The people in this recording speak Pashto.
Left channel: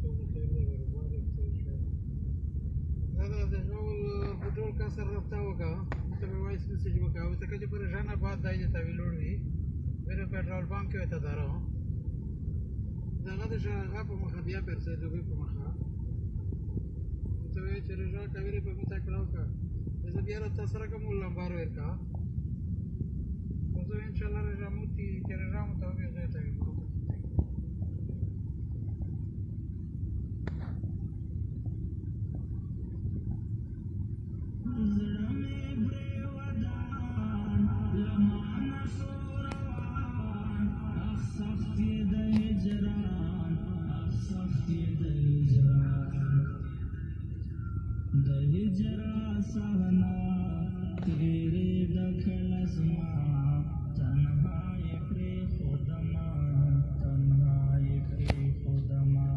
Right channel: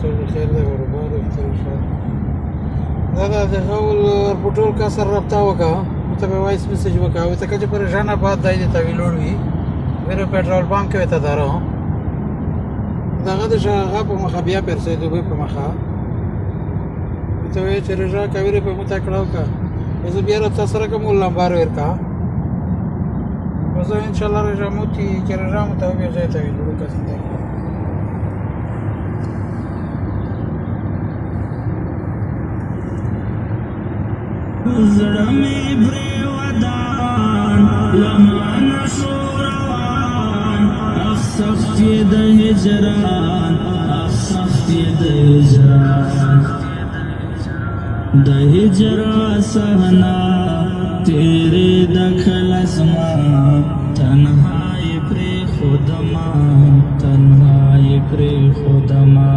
څه خیر دی برابر دا د غول پټول کا سره رابطه وکړه ته به وایس میسج وکړه او ته چې پریشان بعد دای ته ویلوړ وی میرے petrol pump کې ته دارو داغه د شغه په مخه بیا پرسې دوی په مخه ته وی چې رجا کوي په متا کړهو کا زه بیا راته سره کوم لمبار ورکا وزه ان شاء الله رجا موتی چې رجا مو ته بیا ځای ته ویلوړ کا څنګه زړه مې برې ودان لمن شوروان اخصفت یې د هجران اخصفت یې د هجران د هجرا صحنا تیرې د خلصما تنهایی پرې خودما تنهایی پرې خودما